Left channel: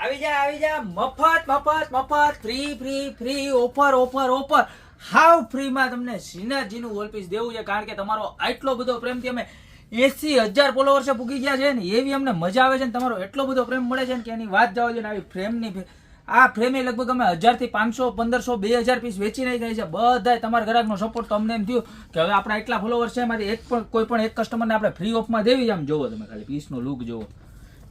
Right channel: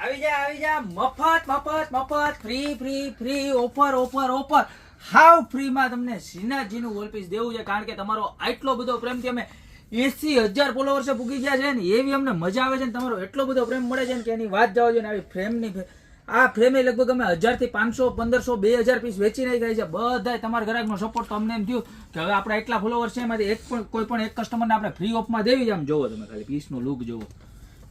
આવી જા મફત ફ્રી ઓફર હાવ ફ્રી માં તમને શ્રીનાથજી નું વોલપીસ દેવું છે, કારણ કે તમારો આટલો બધો પ્રેમથી અમે 80,000 ફોલોવર્સે પૂગી ગયા છે ને, એવી અમને મજા આવે છે ને, તમારો એટલો બધો પ્રેમ મળે છે ને કે એની વાત જવા દો ને. આવી ફ્રેમની આ ફ્રેમ એ લગભગ અમે 1000 થી 500 1500 2000 પીસ વેચી નહીં થાય છે. બધાય તમારા ગ્રાહકનો સપોર્ટ તો અમને એમ થયું કે હવે આપણા એટલા ફોલોવર્સ છે, એમાંથી કોઈ પણ એક કસ્ટમરને આપણે ફ્રી ઓફમાં દેવી છે. આમ જોવો તમે ખાલી પીસનો લુક જોવો,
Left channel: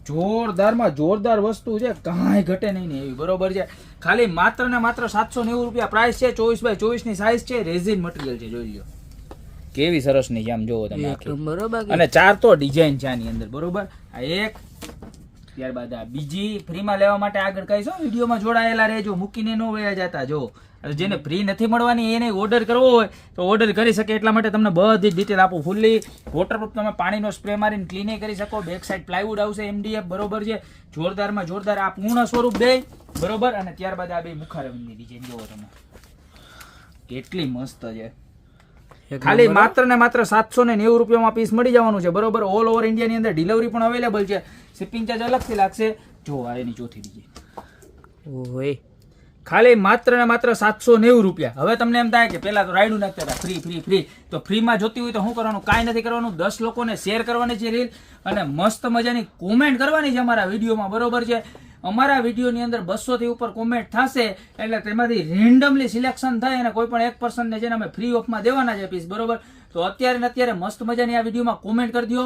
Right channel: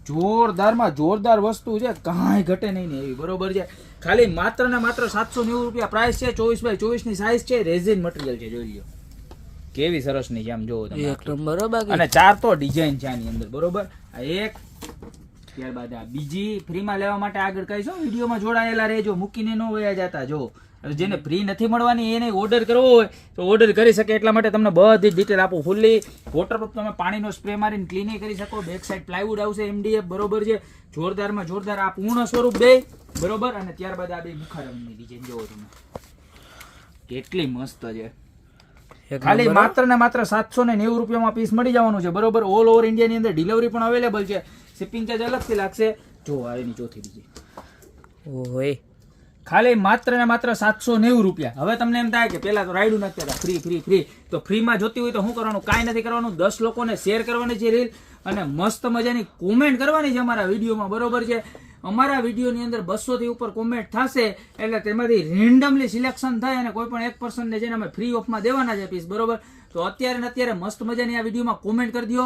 જોરદારમાં જોરદાર વસ્તુ છે, કાંઈ ઘટે નહીં ને એવી. બરોબર છે, ખાલી માત્ર ને માત્ર 790 રૂપિયા પ્રાઇસ છે. 24x24 ની સાઈઝ છે, રેઝિન મટીરિયલ છે. જોઈ લો કેવી સરસ ની છે, આમ જોવો તમે. અને 4 તો ડિઝાઇન છે આની અંદર. બરોબર, આ એક, ત્યારબાદ આ બીજી. ફ્રીમાં લેવા માટે આગળ કહીશો, વિડીયોમાં જોડાયેલા રહેજો, મૂકીને ન વયા જતા. જો જેને ફ્રી નથી મળવાની એને ઓર્ડર કરવો હોય તો ઓર્ડર કરી શકે. એટલા માટે તમને બધી ડિટેલ આપું. ફૂલ્લી વોટરપ્રૂફ, તમે પાણીનો સ્પ્રે મારીને ક્લીનિંગ કરી શકો. બેક સાઈડ પ્લાયવુડ આવશે MDF. બરોબર છે, જોરદારમાં જોરદાર આ પૂર્ણ સ્વરૂપ બે. બરોબર, અને ત્યારબાદ આ બે મુખારમની ડિઝાઇન જોવો તમે, કેટલી મસ્ત છે. ખાલી માત્ર ને માત્ર 790 રૂપિયામાં પીસ મળી જવાનું છે. બરોબર, ઓલ ઓવર ઇન્ડિયાની અંદર ડિલિવરી પણ અવેલેબલ છે. શિપિંગ ચાર્જ અલગથી લાગશે. જો આ એની ચોથી ડિઝાઇન, ઓય ખાલી માત્ર ને માત્ર 790 રૂપિયા. હવે તમને એમ થાય કે પેલા તો રાયડું નથી કરતા, ફ્રી તો ફ્રીમાં જોતી હોય તો શું કરવાનું? કાંઈ નથી કરવાનું, 10 લોકોને શેર કરવાની છે રીલ, અને મસ્ત મજાની કોમેન્ટ કરવાની છે અમારા વિડીયોમાં. બરોબર છે, અમારા વિડીયોની અંદર 200 થી ઉપર કોમેન્ટ થશે, એટલે તેમાંથી રેન્ડમલી સિલેક્શન થાય અને કોઈ પણ એક પર્સનને જેને અમે ફ્રી ઓફમાં દેવાના છે પીસ. બરોબર, તો અત્યારે ને અત્યારે મસ્ત મજાની આ વિડીયોમાં કોમેન્ટ કરી દો,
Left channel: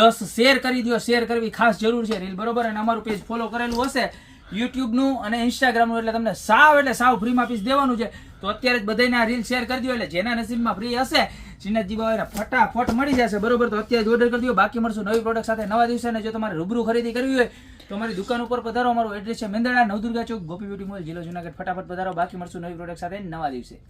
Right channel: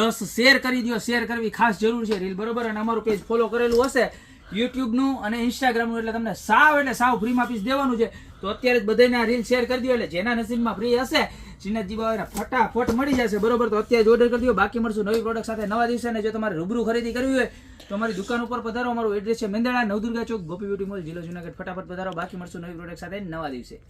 10 શેર કરી દો. શેર કરવી ખાસ જરૂર છે રીલ. બરોબર, અને અમારું પેજ ફોલો કરેલું હશે YouTube નું અને Instagram નું, એટલે તમને સાવ ફ્રીમાં પીસ દેવાનું છે. તો અત્યારે જ બધાને રીલ શેર કરી દો, એટલે જેના નસીબમાં ફ્રી હશે શ્રીનાથજી બાબાને ફટાફટ મળી જશે. બરોબર, તો અત્યારે જ ઓર્ડર કરી દો. બાકી મળશું નવી પ્રોડક્ટ સાથે નવા દિવસે. અને જો તમારે રૂબરૂ ખરીદી કરવી હોય તો અમારી દુકાન ઉપર પધારો. અમારું એડ્રેસ છે મેંદરડા, નવદુર્ગા ચોક, ગોપી બ્યુટી મોલ, જિલ્લો જુનાગઢ. ફટાફટ પધારો. બાકી મળશું નવી પ્રોડક્ટ સાથે નવા દિવસે.